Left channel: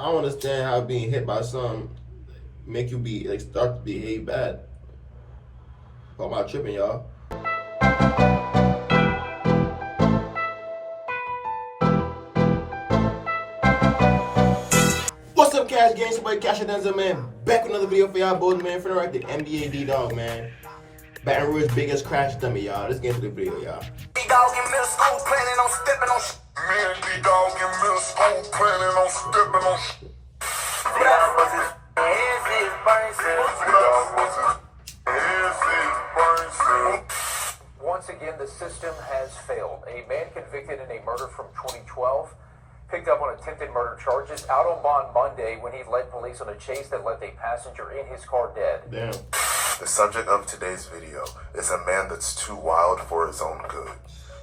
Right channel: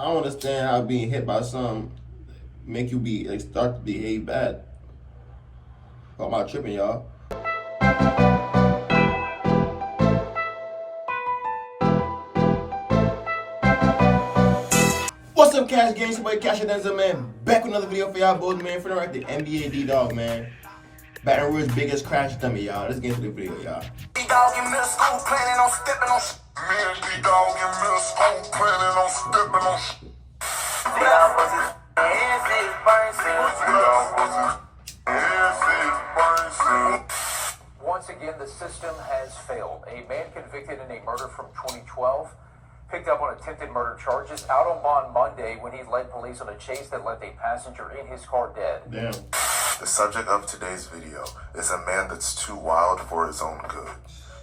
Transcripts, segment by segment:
I don't understand how being hit by something make you be like start to behave bad. What am I tripping, y'all? What's up, Cash Games? Your boy Cashout, man. Back with another video for y'all boys, man. Finna wreck the NBA Ddawg, man. Baton Rouge biggest crash dummy, y'all. Let's get into the video, y'all. Ddawg in middle school planning on stepping on. Me and Ddawg in middle school planning on stepping on. Ddawg was his hands, his brain cells. Ddawg was his hands, his brain cells. Once again, the system has failed. A man convicted in a murder from 2012 picked up on attempted murder charges out on bond Monday when he led police on a chase that left a passenger in his car dead. Damn. The subject of today's video is a man that's too wild for his own good.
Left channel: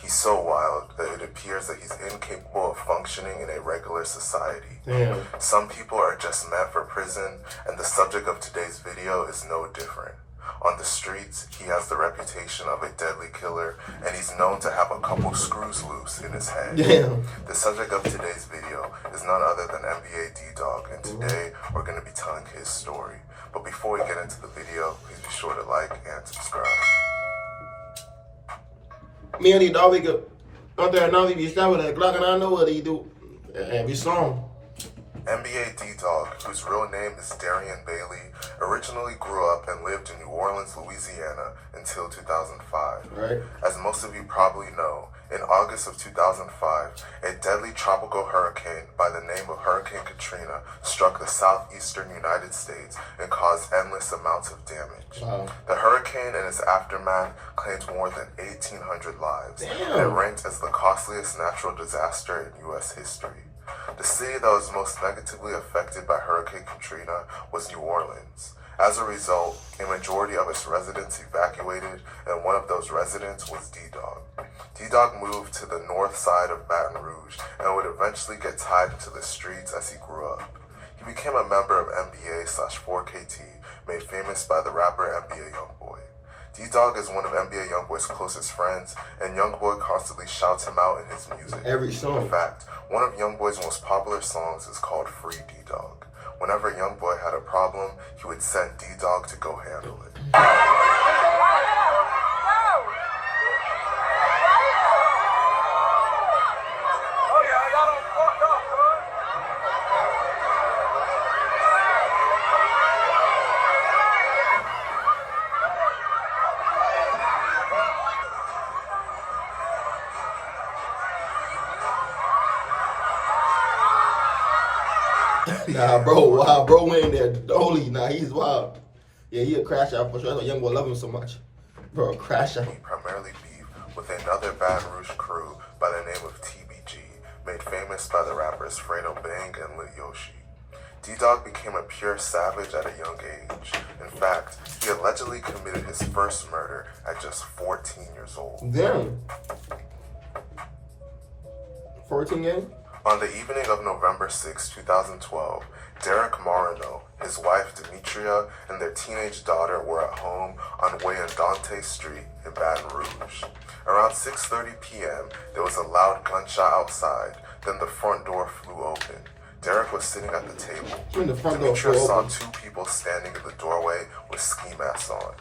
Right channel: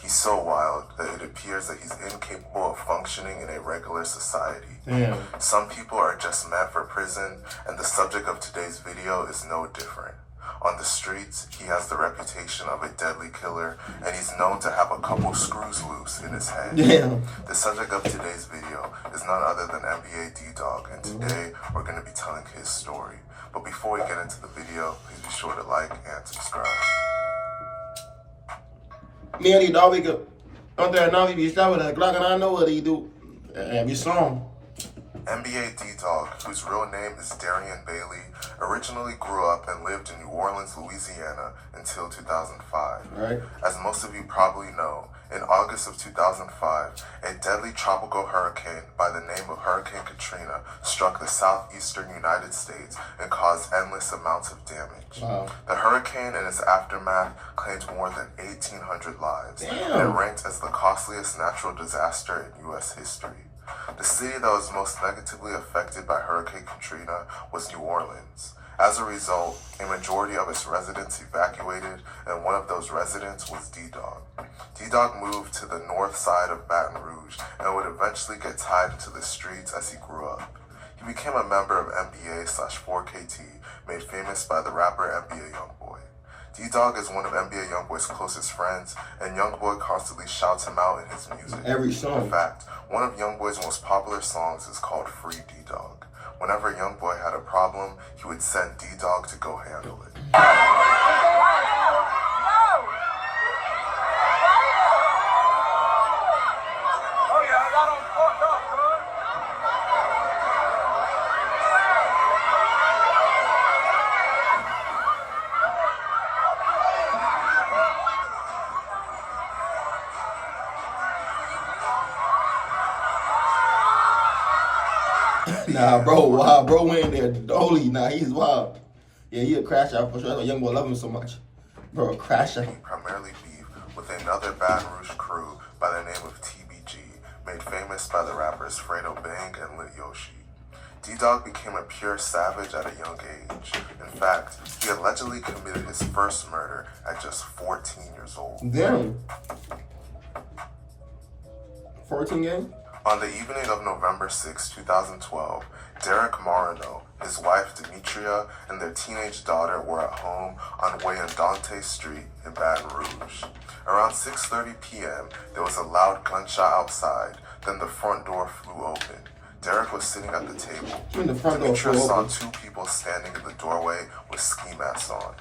He's so wild that it appears that he's incapable of functioning in a regular society. Damn. Some people are just meant for prison, and the subject of today's video is no different. On the streets, he has the reputation of a deadly killer, and he's known to have a couple screws loose in his head. Damn. The subject of today's video is none other than NBA Ddawg, and today we're going to be telling his story. But before we get into the video, please be sure to like and subscribe. Me and Ddawg, we go out there now, we be shot with a Glock, and I know what he do. And we saw him. NBA Ddawg, whose real name is Darian Bailey, originally grew up and lived in New Orleans, Louisiana until 2005. Right. As most of you probably know, in August of 2005, a deadly tropical hurricane by the name of Hurricane Katrina struck the southeastern United States and caused endless amounts of damage. Wow. The hurricane and its aftermath claimed more than 1,800 lives. Damn. And ranked as the costliest natural disaster in U.S. history. The city that was most negatively affected by Hurricane Katrina was New Orleans. As a result, a majority of its residents evacuated, and one of those residents was Ddawg. Ddawg moved to the north side of Baton Rouge and would eventually get tied into the streets as he grew up. He became a member of NBA/4KT, made famous by the rapper NBA Youngboy. Ddawg is one of NBA Youngboy's closest friends, and Youngboy constantly shouts him out in his music. Every song. In fact, one of Youngboy's most popular songs is called Free Ddawg. Whenever Youngboy had a problem, he would send Ddawg to go handle it. Nah, bro, wow, bro went in there. Holy, nah, he's wild. Yeah, he a crash out for sure. That's why Youngboy love him so much. Bro, crash out. He primarily beef with another Baton Rouge crew by the name of TBG, made famous by the rappers Fredo Bang and Lit Yoshi. Ddawg became a pure savage at a young age. In fact, he allegedly committed his first murder at just 14 years old. Damn. 14 game? On the evening of November 6, 2012, Derek Marino, his wife Demetria, and their teenage daughter were at home on Wayandante Street in Baton Rouge. Around 6:30 p.m., there was a loud gunshot outside, then the front door flew open. Derek was sitting at the table. Demetria saw two people standing in the doorway with ski masks on.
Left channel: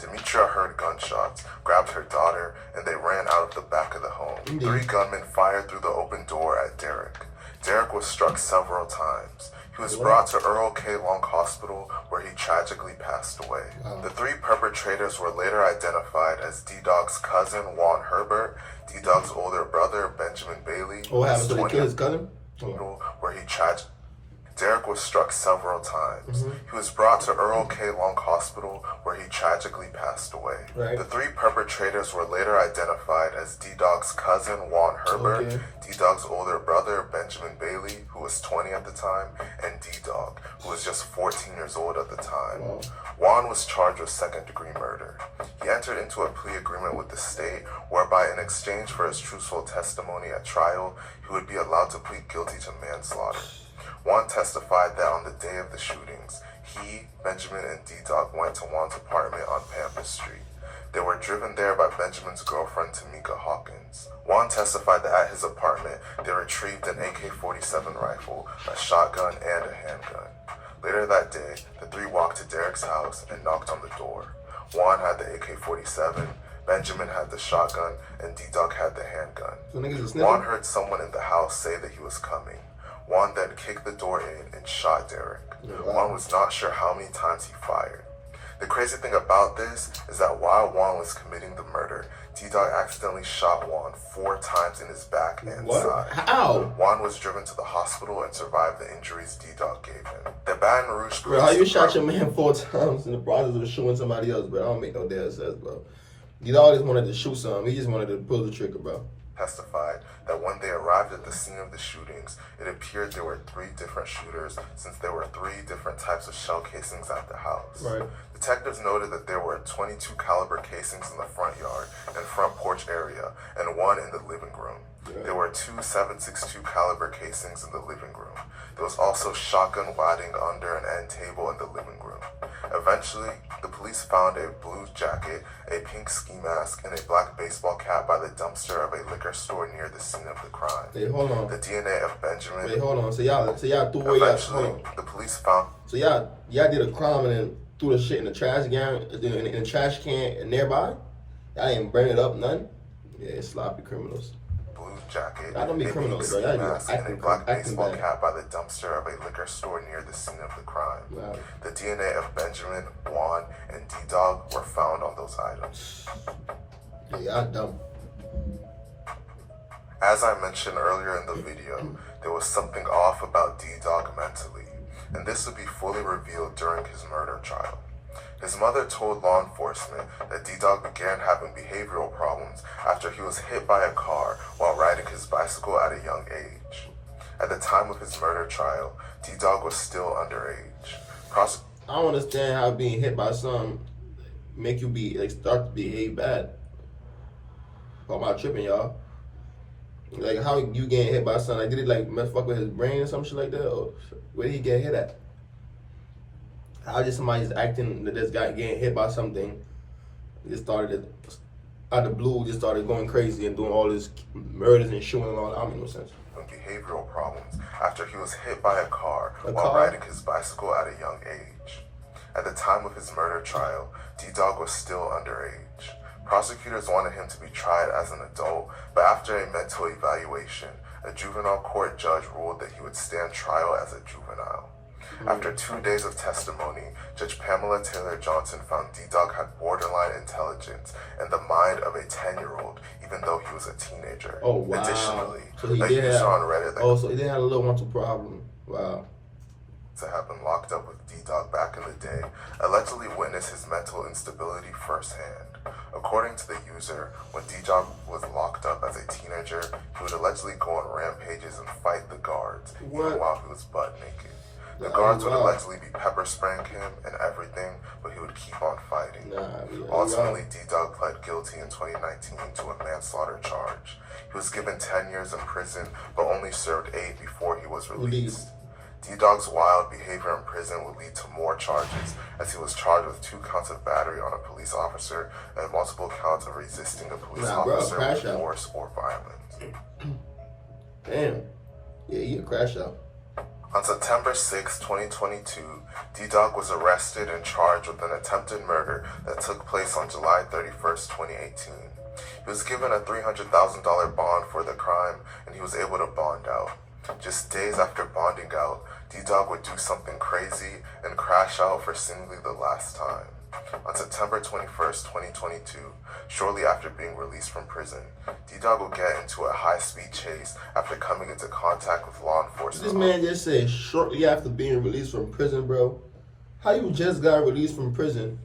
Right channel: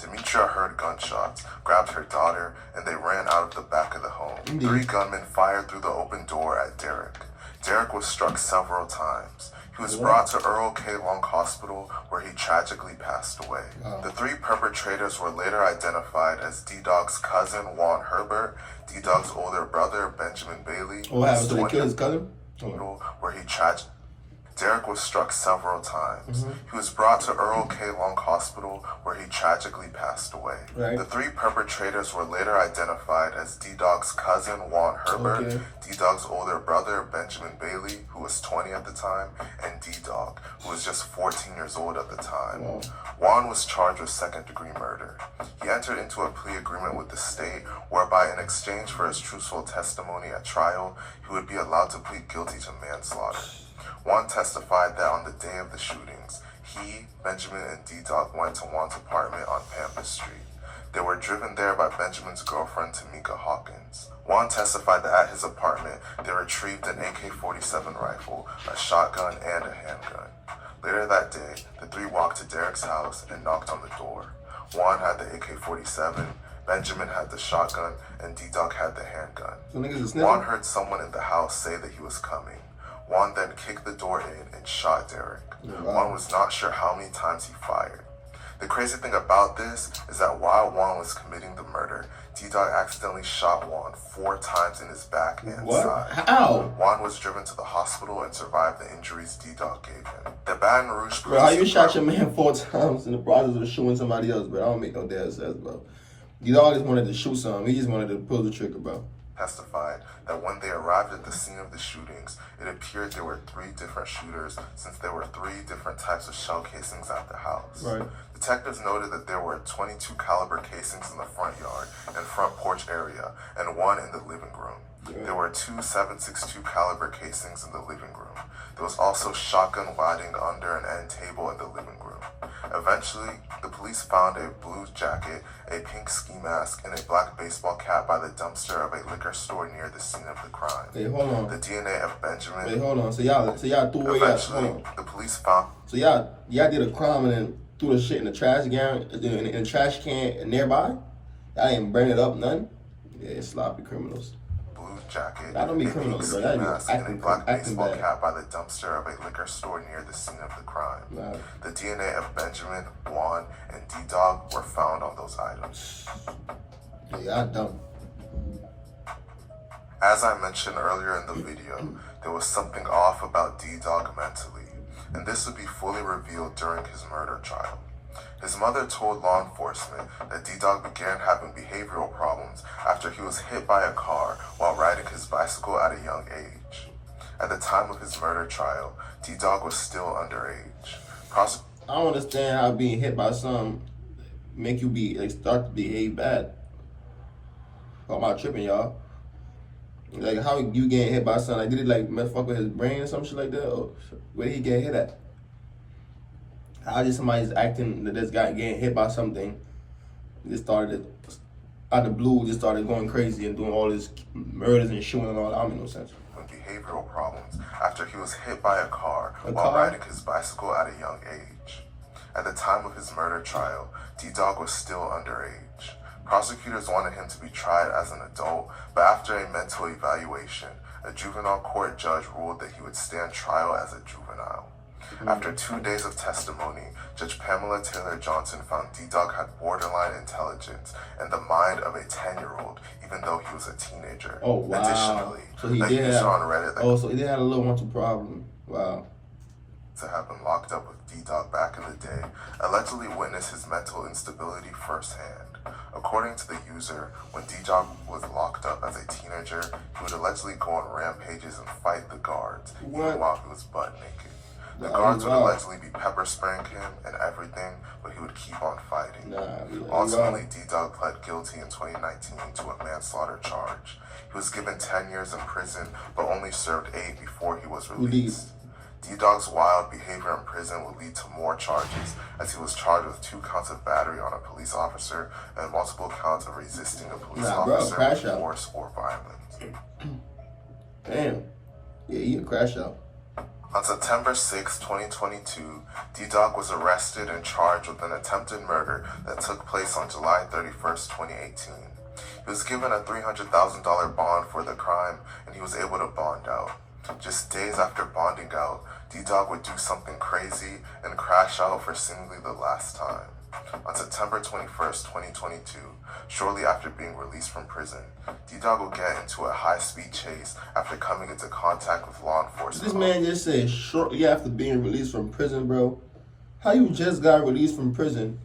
Demetria heard gunshots, grabbed her daughter, and they ran out of the back of the home. Indeed. 3 gunmen fired through the open door at Derek. Derek was struck several times. He was brought to Earl K. Long Hospital, where he tragically passed away. Wow. The 3 perpetrators were later identified as Ddawg's cousin, Juan Herbert, Ddawg's older brother, Benjamin Bailey. What happened to the kid, his cousin? Where he tragically... Derek was struck several times. He was brought to Earl K. Long Hospital, where he tragically passed away. Right. The 3 perpetrators were later identified as Ddawg's cousin, Juan Herbert, Ddawg's older brother, Benjamin Bailey, who was 20 at the time, and Ddawg, who was just 14 years old at the time. Wow. Juan was charged with second-degree murder. He entered into a plea agreement with the state, whereby in exchange for his truthful testimony at trial, he would be allowed to plead guilty to manslaughter. Juan testified that on the day of the shootings, he, Benjamin, and Ddawg went to Juan's apartment on Pampas Street. They were driven there by Benjamin's girlfriend, Tamika Hawkins. Juan testified that at his apartment, they retrieved an AK-47 rifle, a shotgun, and a handgun. Later that day, the three walked to Derek's house and knocked on the door. Juan had the AK-47, Benjamin had the shotgun, and Ddawg had the handgun. So niggas is Juan snitching? heard someone in the house say that he was coming. Juan then kicked the door in and shot Derek. Wow. Juan was not sure how many times he fired. The crazy thing about this is that while Juan was committing the murder, Ddawg accidentally shot Juan 4 times in his back and What? side. How? Juan was driven to the hospital and survived the injuries Ddawg gave him. The Baton Rouge Bro, how you police shot your department- man 4 times in the process of shooting somebody else, bro? I don't make no damn sense, bro. Ddawg just wanted to shoot something. He just wanted to pull the trigger, bro. testified that when they arrived at the scene of the shootings, it appeared there were 3 different shooters since there were 3 different types of shell casings at the house. Right. Detectives noted that there were 22 caliber casings in the front yard and front porch area and 1 in the living room. There were 2 7.62 caliber casings in the living room. There was also shotgun wadding under an end table in the living room. Eventually, the police found a blue jacket, a pink ski mask, and a black baseball cap by the dumpster of a liquor store near the scene of the crime. Wait, hold on. The DNA of Benjamin. Wait, hold on. So y'all threw away y'all. Eventually, Hold on. the police found. So y'all did a crime and then threw the shit in the trash can, in the trash can nearby. Y'all didn't burn it up, none. Yeah, sloppy criminals. Blue jacket, I don't be a pink criminals, bro. ski Y'all be mask, and a black acting baseball bad. cap by the dumpster of a liquor store near the scene of the crime. Wow. The DNA of Benjamin, Juan, and Ddawg were found on those items. Yeah, y'all dumb. As I mentioned earlier in the video, there was something off about Ddawg mentally, and this would be fully revealed during his murder trial. His mother told law enforcement that Ddawg began having behavioral problems after he was hit by a car while riding his bicycle at a young age. At the time of his murder trial, Ddawg was still underage. I don't understand how being hit by something make you start to behave bad. Am I tripping, y'all? Like, how you getting hit by something? Like, did it mess fuck with his brain or some shit like that? Or where did he get hit at? How just somebody's acting that this guy getting hit by something? Just started out of the blue, just started going crazy and doing all this murders and shooting and all that. I don't make no sense. behavioral problems after he was hit by a car while car? riding his bicycle at a young age. At the time of his murder trial, Ddawg was still underage. Prosecutors wanted him to be tried as an adult, but after a mental evaluation, a juvenile court judge ruled that he would stand trial as a juvenile. After 2 days of testimony, Judge Pamela Taylor Johnson found Ddawg had borderline intelligence and the mind of a 10-year-old, even though he was a teenager. Oh, wow. Additionally, So he a did user have, on Reddit that so he did have a little mental problem. Wow. to have been locked up with Ddawg back in the day, allegedly witnessed his mental instability firsthand. According to the user, when Ddawg was locked up as a teenager, he would allegedly go on rampages and fight the guards, even What? while he was butt naked. The Nah, guards would wow. allegedly be pepper spraying him and everything, but he would keep on fighting. Nah, Ultimately, Ddawg pled guilty in 2019 to a manslaughter charge. He was given 10 years in prison, but only served 8 before he was released. Ddawg's wild behavior in prison would lead to more charges, as he was charged with 2 counts of battery on a police officer and multiple counts of resisting a police Nah, bro, officer crash with out. force or violence. Damn. Yeah, he a crash out. On September 6, 2022, Ddawg was arrested and charged with an attempted murder that took place on July 31st, 2018. He was given a $300,000 bond for the crime, and he was able to bond out. Just days after bonding out, Ddawg would do something crazy and crash out for seemingly the last time. On September 21st, 2022, shortly after being released from prison, Ddawg will get into a high-speed chase after coming into contact with law enforcement. This man just said shortly after being released from prison, bro. How you just got released from prison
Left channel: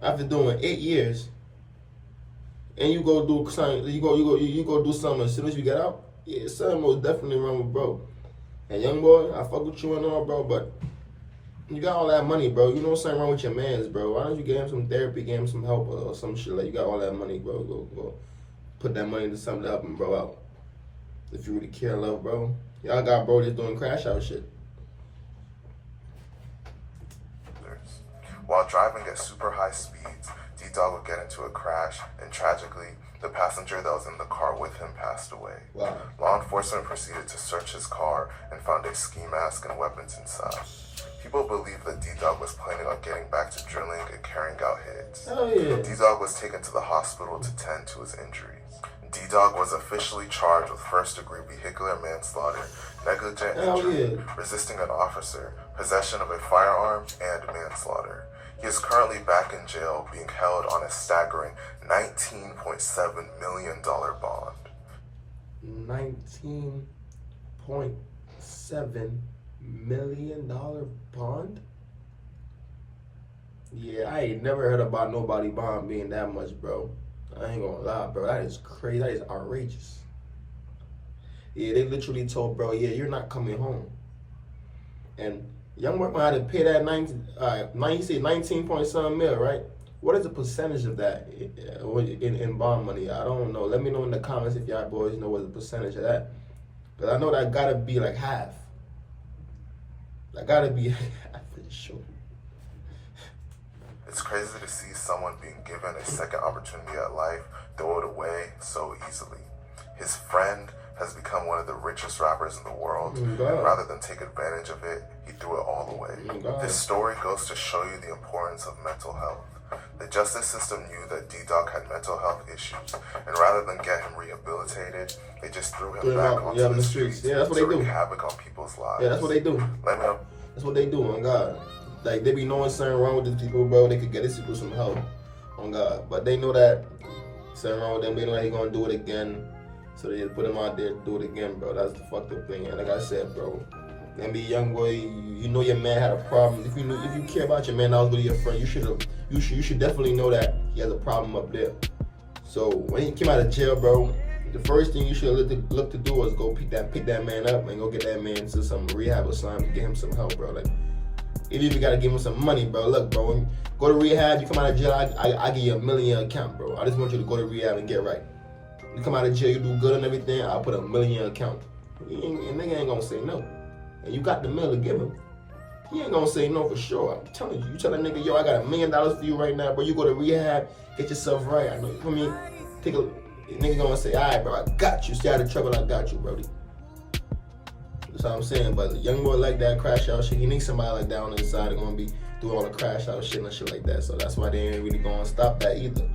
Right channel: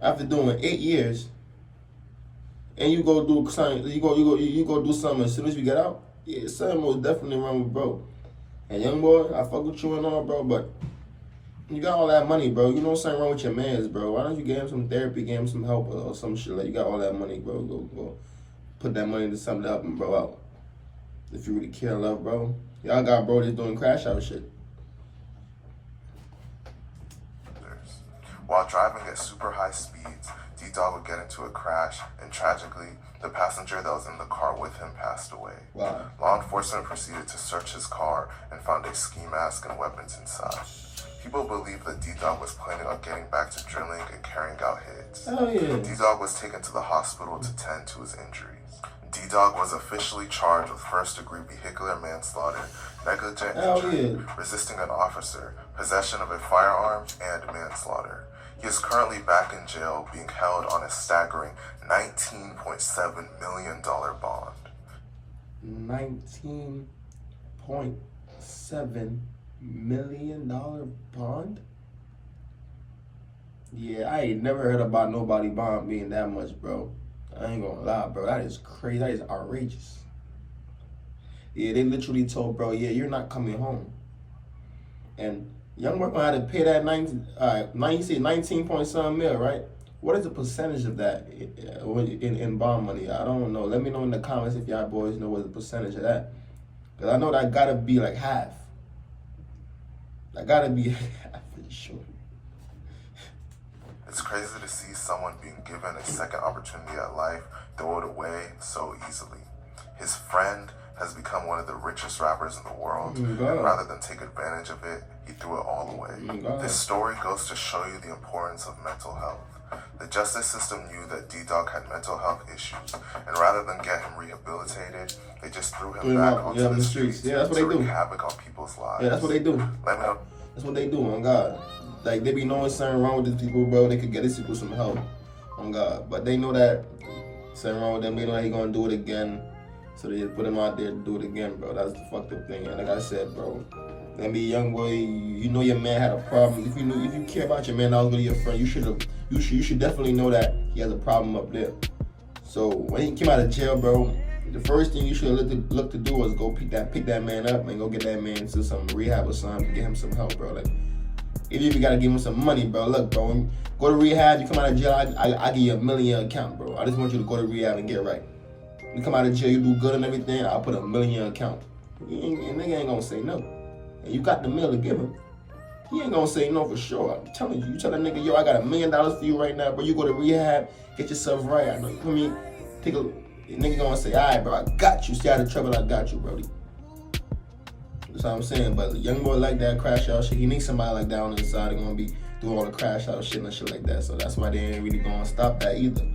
after doing 8 years, and you go do something? You go do something as soon as you get out? Yeah, something most definitely wrong with bro. And Youngboy, I fuck with you and all, bro, but you got all that money, bro. You know something wrong with your mans, bro. Why don't you give him some therapy, give him some help or some shit? Like, you got all that money, bro. Go put that money into something to help him, bro, out. If you really care and love, bro. Y'all got bro just doing crash out shit. While driving at super high speeds, Ddawg would get into a crash, and tragically, the passenger that was in the car with him passed away. Wow. Law enforcement proceeded to search his car and found a ski mask and weapons inside. People believe that Ddawg was planning on getting back to drilling and carrying out hits. Oh, yeah. Ddawg was taken to the hospital to tend to his injuries. Ddawg was officially charged with first-degree vehicular manslaughter, negligent injury, resisting an officer, possession of a firearm, and manslaughter. He is currently back in jail, being held on a staggering $19.7 million bond. $19.7 million bond? Yeah, I ain't never heard about nobody bond being that much, bro. I ain't gonna lie, bro. That is crazy. That is outrageous. Yeah, they literally told bro, yeah, you're not coming home. And Youngboy gonna have to pay that 19 point something mil, right? What is the percentage of that in bond money? I don't know. Let me know in the comments if y'all boys know what the percentage of that. Cause I know that gotta be like half. That gotta be half for sure. It's crazy to see someone being given a second opportunity at life throw it away so easily. His friend has become one of the richest rappers in the world, and rather than take advantage of it, he threw it all away. This story goes to show you the importance of mental health. The justice system knew that Ddawg had mental health issues, and rather than get him rehabilitated, they just threw him back onto the streets that's what to they wreak do. havoc on people's lives. Yeah, that's what they do. Let me know. That's what they do, on God. Like, they be knowing something wrong with these people, bro. They could get these people some help, on God. But they know that something wrong with them. They know that he gonna do it again. So they just put him out there to do it again, bro. That's the fucked up thing. And like I said, bro, and be Youngboy, you know your man had a problem. If you care about your man, that was really your friend. You should definitely know that he has a problem up there. So when he came out of jail, bro, the first thing you should look to do is go pick that man up and go get that man to some rehab or something to get him some help, bro. Like, if you gotta give him some money, bro, look, bro, when you go to rehab, you come out of jail, I give you $1 million account, bro. I just want you to go to rehab and get right. You come out of jail, you do good and everything, I'll put $1 million account. Nigga ain't gonna say no. And you got the $1 million to give him. He ain't gonna say no for sure. I'm telling you. You tell that nigga, yo, I got $1 million for you right now, bro. You go to rehab, get yourself right. I know you put me, nigga gonna say, all right, bro, I got you. Stay out of trouble, I got you, brody. That's what I'm saying. But Youngboy like that crash out shit. He needs somebody like that on the inside that's gonna be doing all the crash out shit and shit like that. So that's why they ain't really gonna stop that either.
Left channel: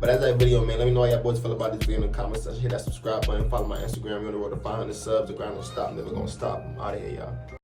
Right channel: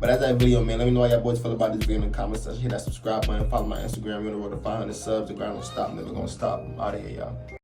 But that's that video, man. Let me know how y'all boys feel about this video in the comment section. Hit that subscribe button. Follow my Instagram. We're on the road to 500 subs. The grind don't stop. Never gonna stop. I'm out of here, y'all.